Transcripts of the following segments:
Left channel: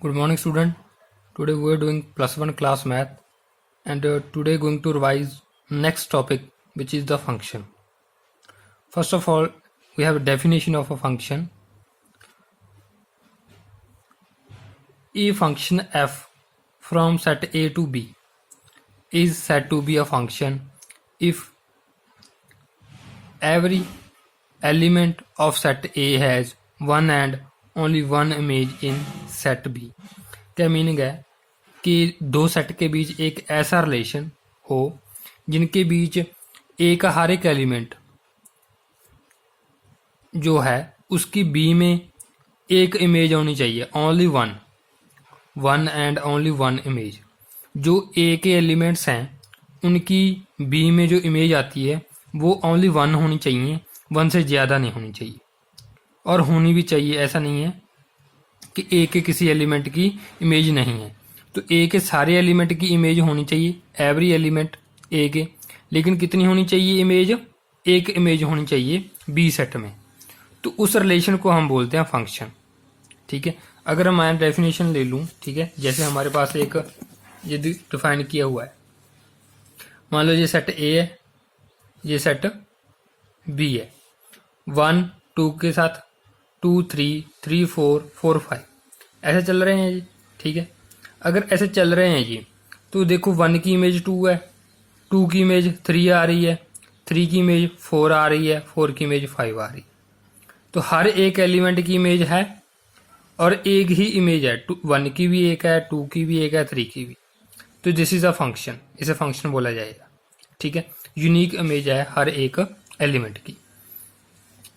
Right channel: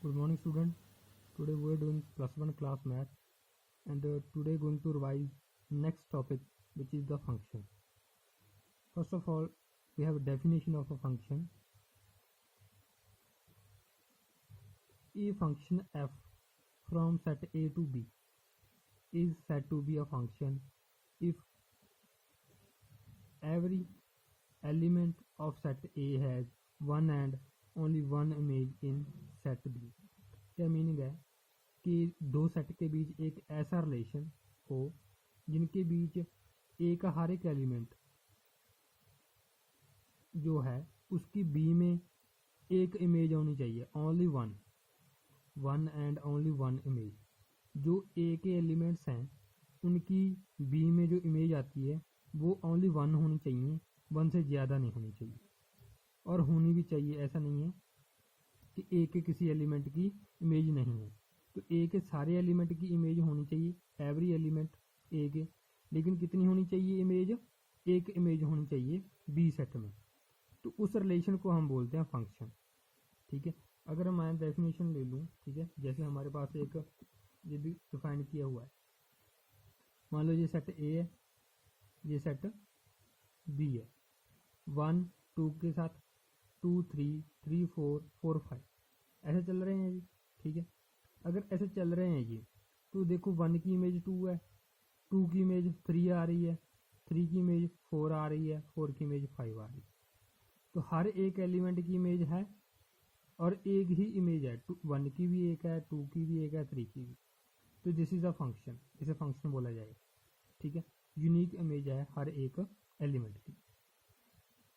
Good morning, student. Today we are doing +1 class math, and today going to revise next topic, which is the function. First of all, we have a definition of a function. A function f from set A to B is said to be a function if every element of set A has one and only one image in set B. क्या meaning है कि दो set के बीच एक ऐसा relation हो जिनके बीच ए का हर एक एलिमेंट जो है उसकी बी में एक इमेज होनी चाहिए, only one and only one image. जो ए के एलिमेंट्स हैं उनकी बी में जो इमेज आती है वो ओनली वन होनी चाहिए, वन से ज़्यादा नहीं होनी चाहिए। और होनी भी चाहिए, ऐसा नहीं है कि ए के किसी एलिमेंट की इमेज नहीं है, तो ए के सारे एलिमेंट की इमेज होनी चाहिए, एवरी एलिमेंट ए के। लेकिन कितनी होनी चाहिए इमेज? एक इमेज होनी चाहिए बी सेट में। तो उस रिलेशन को हम बोलते हैं फंक्शन। ठीक है, अगर मैं डेफिनेशन ले लूँ, ठीक है, जैसे हमारे पास एक ये डिफाइन किया हुआ है, मान लो ये सेट ए है, ये सेट बी है, 1 2 के साथ 2 3 3 4 4 5 ऐसे चल रहे हैं जी। ठीक है, अगर ऐसे चल रहे हैं जी तो देखो 1 की इमेज 2 है, 2 की इमेज 3 आ रही है, 3 की इमेज 4 आ रही है, 4 की इमेज 5 आ रही है। तो हर एक एलिमेंट की इमेज है और एक ही इमेज है, 1 की भी एक है, 2 की भी एक है, 3 की भी। तो दिस इज अ फंक्शन, इसे फंक्शन बोला जाएगा। ठीक है, यूनिक इमेज है हर एक एलिमेंट की।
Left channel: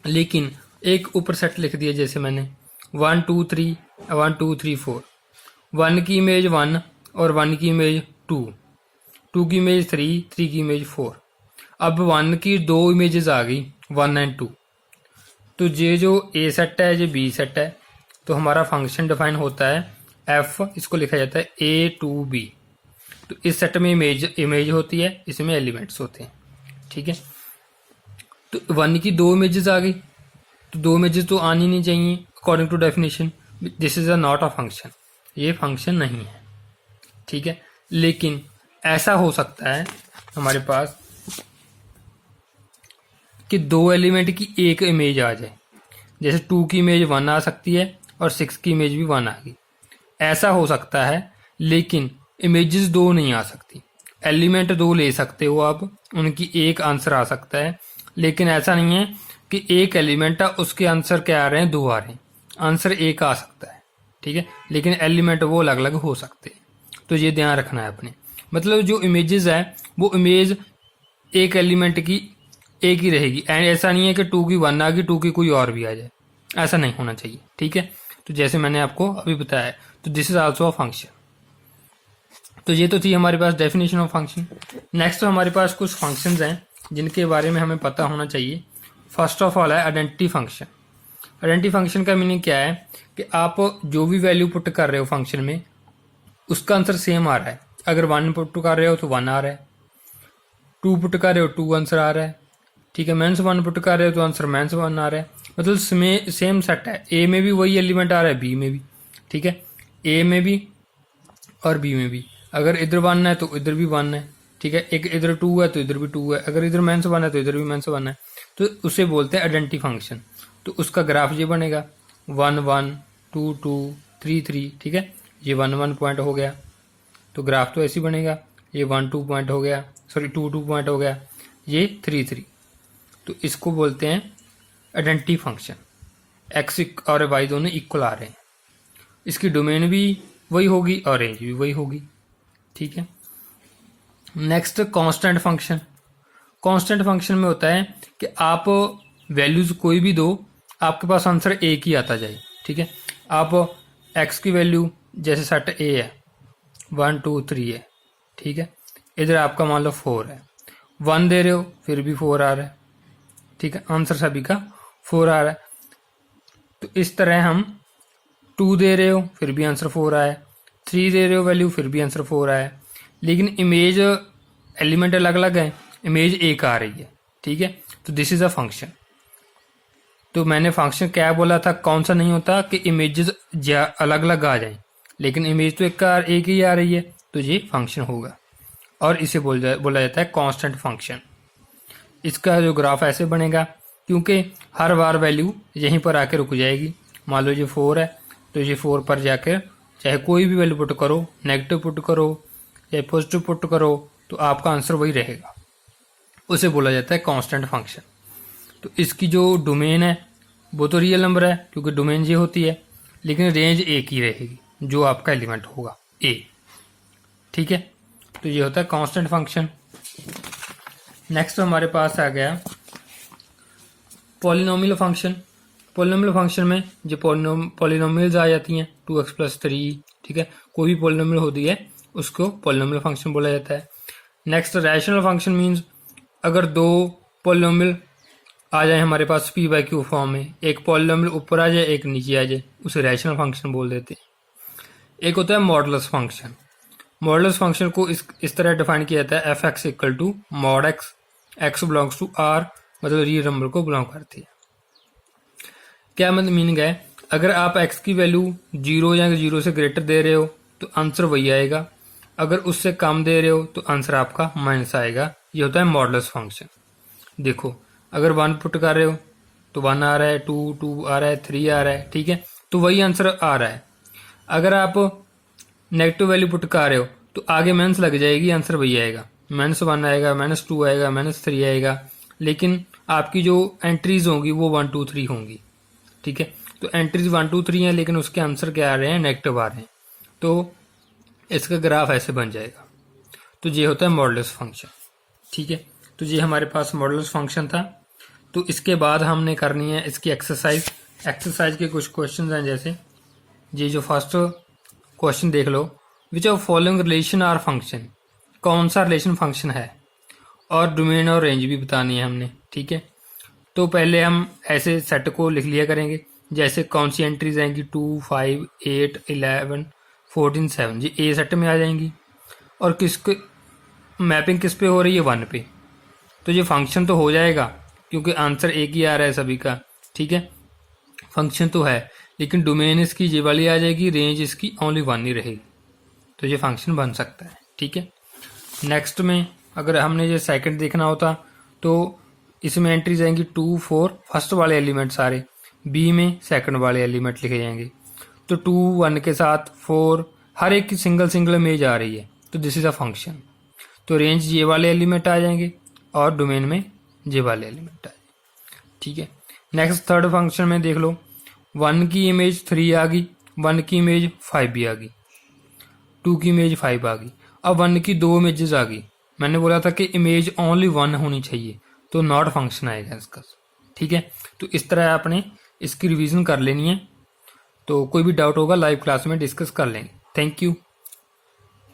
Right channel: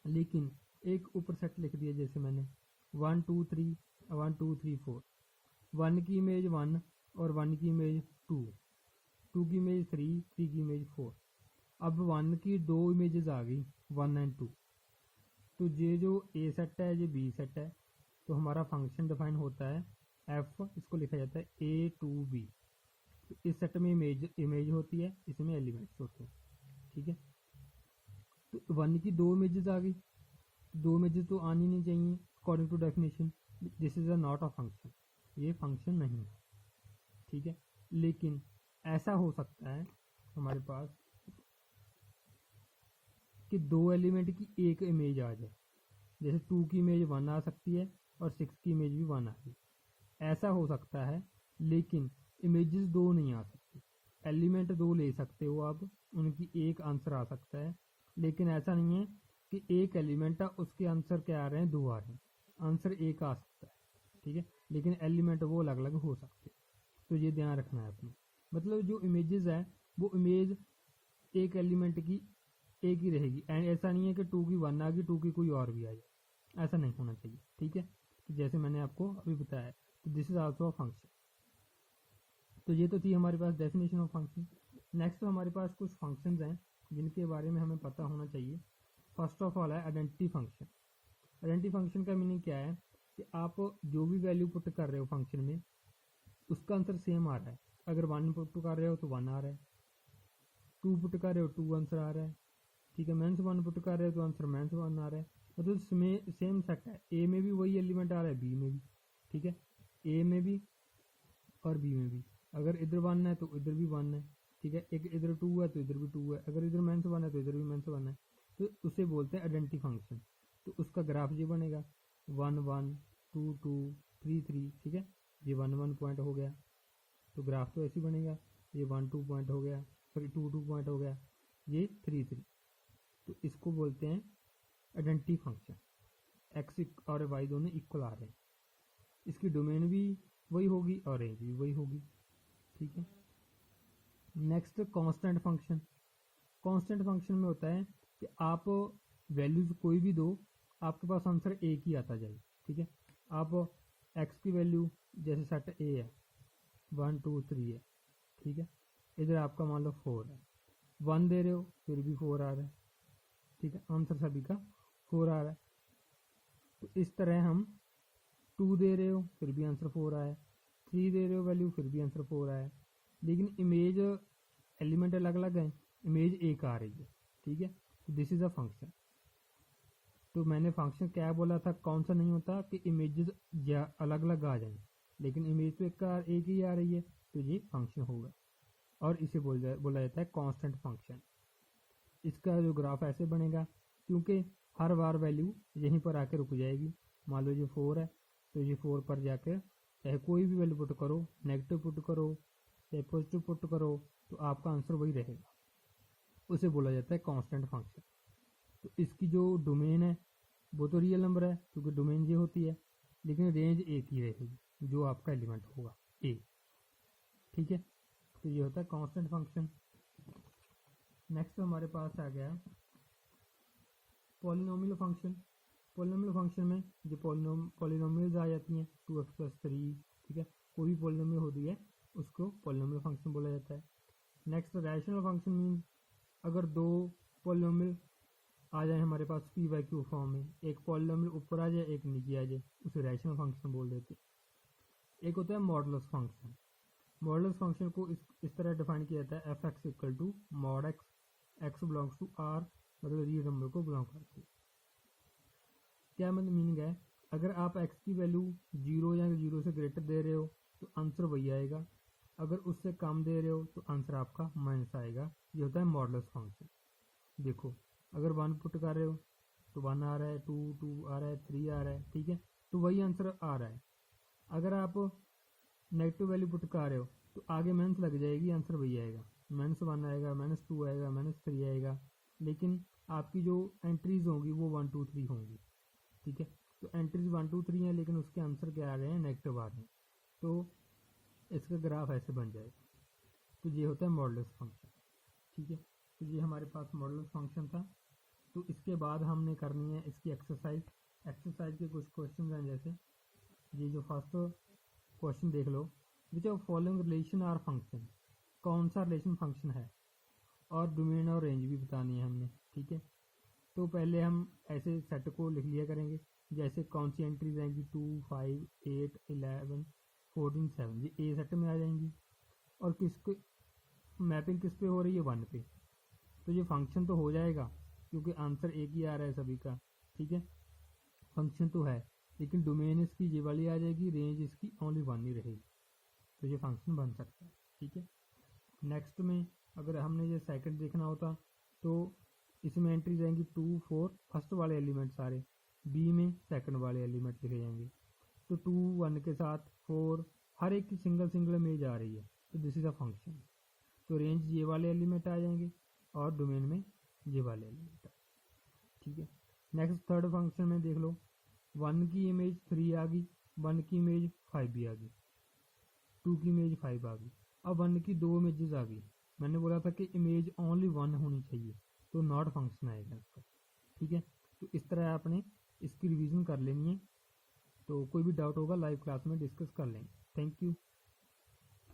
लेकिन एक ऊपर सेट लिख दिया, जैसे मैंने 1 2 3 1 2 3 4, 1 की इमेज 1 और 1 की इमेज 2, 2 की इमेज 3, 3 की इमेज 4। अब 1 की दो इमेजेस आ गई, 1 एंड 2। तो ये जो ए सेट है, ये बी सेट है, तो हमारा फंक्शन डिफाइन होता है एफ, इसको लिखा जाता है ए टू बी। तो इस सेट में इमेज होती है, इसमें एलिमेंट्स होते हैं। ठीक है, तो 1 की दो इमेजेस आ गई, तो दो इमेजेस तो आनी नहीं चाहिए according to definition. This is a not a function, ये फंक्शन नहीं है। ठीक है, लेकिन ऐसा हो सकता है हमारे पास कि दो एलिमेंट की एक इमेज आ जाए, जैसे 2 की इमेज 1 आ सकती है और 6 की इमेज भी 1 आ गई, ऐसा हो सकता है। लेकिन इमेजेस दो नहीं आ सकती, एलिमेंट दो ले सकते हो आप, उनकी एक आंसर आ सकता है। लेकिन ऐसा नहीं है कि एक एलिमेंट है उसके आंसर क्या आ रहे हैं, दो आ रहे हैं, आंसर एक आ सकता है। ठीक है, लेकिन एलिमेंट वो अलग अलग हो सकते हैं, तो ये ध्यान रखना है अपने। मतलब जो इमेजेस है वो इमेज एक एलिमेंट की एक ही रहेगी, एंड ऐसा नहीं है कि 2 की 1 आ गई, 2 की कोई और भी आ जाए, ऐसा नहीं होना चाहिए। ठीक है, तो जैसे मैंने आपको अभी बताया, तो this is also a function. तो ये तो थी हमारे पास डेफिनेशन ऑफ फंक्शन। नेक्स्ट हमारे पास कुछ फंक्शंस हैं जिनके बारे में हमें पता होना चाहिए। फर्स्ट ऑफ ऑल है आइडेंटिटी फंक्शन। आइडेंटिटी फंक्शन का मीनिंग क्या है कि आप जो भी वैल्यू पुट कर रहे हो फंक्शन में, उसका आंसर सेम आ रहा है। अगर 1 पुट कर रहे हो तो 1 आ रहा है, 2 पुट कर रहे हो 2 आंसर आ रहा है। ठीक है, माइनस 1 पुट कर रहे हो तो आंसर -1 आ रहा है। मतलब सेम सेट है, ए में भी वही एलिमेंट आ रहा है, बी में भी। ठीक है, ए में भी और बी में भी। अगर इधर 1 है तो इधर भी 1 है। ठीक है, एक इधर 2 है तो इधर भी 2 है, अगर इधर -1 है तो इधर भी -1 है। तो उसे बोलते हैं आइडेंटिटी फंक्शन। तो उसका ग्राफ ये बनेगा 1 1 2 2 3 3। ठीक है, ये 1 1 पॉइंट हो गया, तो ग्राफ तो ऐसे बनेगा। ये 1 2 पॉइंट हो गया, सॉरी 2 2 पॉइंट हो गया, ये 3 3। तो इसको बोलते हैं आइडेंटिटी फंक्शन। एक्स और वाई दोनों इक्वल आ रहे हैं, इसकी डोमेन भी वही होगी और रेंज भी वही होगी। ठीक है, next constant function. Constant function में होता है कि आप वैल्यूज कोई भी दो, आपके पास आंसर एक ही आता जाए। ठीक है, आप एक्स की वैल्यू जैसे सेट ए है 1 2 3 है। ठीक है, इधर आपका मान लो 4 है, 1 दे रहे हो फिर भी 4 आ रहा है। ठीक है, आंसर सभी का 4 आ रहा है। तो इस तरह हम 2 दे रहे हो फिर भी आंसर 4 आया, 3 दे रहे हो वैल्यू फिर भी आंसर 4 आया। लेकिन इमेज एलिमेंट अलग अलग है, इमेज एक आ रही है। ठीक है, तो दिस इज अ फंक्शन। तो मैंने फंक्शन क्या बोला था, कौन सा नहीं होता कि इमेजेस अलग अलग आ जाएं, लेकिन इमेज तो एक ही आ रही है, तो ये फंक्शन होगा और इसे बोला जाता है कांस्टेंट फंक्शन। इसका जो ग्राफ ऐसे बनेगा, क्योंकि हर बार वैल्यू यहीं पर आकर रुक जाएगी। मान लो ये 4 है, तो ये 4 पर जाकर चाहे कोई भी वैल्यू पुट करो, नेगेटिव पुट करो या पॉजिटिव पुट करो, तो आपका आंसर वही रहेगा। उसे बोला जाता है कांस्टेंट फंक्शन। तो इसकी जो डोमेन है वो तो रियल नंबर है, क्योंकि डोमेन ये होती है, लेकिन रेंज एक ही रहेगी, जो आपका एलिमेंट होगा ए। ठीक है, तो ये होता है कांस्टेंट फंक्शन। नेक्स्ट हमारे पास आ गया पॉलिनोमियल फंक्शन। पॉलिनोमियल फंक्शन में जो पॉलिनोमियल्स आ जाती हैं 2x+3, ठीक है, कोई भी पॉलिनोमियल होती है उसको पॉलिनोमियल फंक्शन बोला जाता है। नेक्स्ट रैशनल फंक्शन मीन्स अगर दो पॉलिनोमियल आ जाए हमारे पास p/q फॉर्म में, एक पॉलिनोमियल ऊपर आ जाए एक नीचे आ जाए, उसे रैशनल फंक्शन बोल देते हैं। एक होता है मॉडुलस फंक्शन। मॉडुलस फंक्शन को इस तरह डिफाइन किया जाता है f(x) = mod x, x belongs to r, मतलब रियल नंबर को बिलोंग करती है। क्या मतलब मीनिंग है, अगर आप x की वैल्यू 0 या 0 से ग्रेटर दे रहे हो तो आंसर वही आएगा, अगर उससे कम दे रहे हो तो आंसर आपका माइनस आएगा। ये होता है मॉडुलस फंक्शन। देखो, अगर 1 पुट कर रहे हो तो 1 आ रहा है, 2 आ रहा है, 3 आ रहा है, ठीक है, तो वही आंसर आ रहा है। अगर आप नेगेटिव वैल्यू पुट कर रहे हो तो आगे माइनस लग जाएगी, आंसर वही आएगा, -1 आएगा, -2 आएगा, -3 आएगा, लेकिन आपकी जो एंट्रीज होंगी वो 1 2 3 होंगी। ठीक है, तो एंट्रीज 1 2 3 है, लेकिन उसके आंसर क्या आ रहे हैं, नेगेटिव आ रहे हैं, तो इसका ग्राफ ऐसे बन जाएगा। तो ये होता है मॉडुलस फंक्शन। ठीक है, तो ये हमारे पास मॉडुलस फंक्शन था। तो इसके बाद हमने करनी है इसकी एक्सरसाइज। एक्सरसाइज के कुछ क्वेश्चन हैं, जैसे ये जो फर्स्ट क्वेश्चन देख लो, which of following relation are function, कौन सा रिलेशन फंक्शन है, और डोमेन और रेंज भी बतानी है हमने। ठीक है, तो पहले हम ऐसे सेट को लिख लिया करेंगे, जैसे कौन सी एंट्रीज आएंगी 2 5 8 11 14 7, ये ए सेट में आ जाएंगी, और किसके मैपिंग किस पे हो रही है, 1 पे। तो ये फंक्शन तो हो जाएगा क्योंकि आंसर एक ही आ रहा है सभी का। ठीक है, फंक्शन तो है, लेकिन डोमेन इसकी ये वाली आ जाएगी, रेंज इसकी ओनली 1 ही रहेगी, तो ये फंक्शन बन सकता है। ठीक है, नेक्स्ट में अगर हमने ये सेकंड देखना होता तो इसमें एंट्रीज आएंगी 2 4, फर्स्ट वाले एलिमेंट सारे, बी में सेकंड वाले एलिमेंट लिखे जाएंगे। तो 2 1 के साथ 4, हर एक की सिंगल इमेज आ रही है, तो दिस इज अ फंक्शन। तो रेंज ये वाले एलिमेंट आ जाएंगे और डोमेन में ये वाले एलिमेंट आ जाएंगे। ठीक है, नेक्स्ट थर्ड फंक्शन में देख लो, 1 की इमेज 3 आ गई, 1 की इमेज 5 भी आ गई, 2 की इमेज 5 आ गई, अब 1 की 2 इमेजेस आ गई। मैंने बोला था कि इमेज ओनली 1 होनी चाहिए, तो नॉट फंक्शन आएगा इसका। ठीक है, तो इस तरह आपने इसकी रिवीजन कर लेनी है। तो कोई भी डाउट होगा लाइव क्लास में डिस्कस कर लेंगे। Thank you.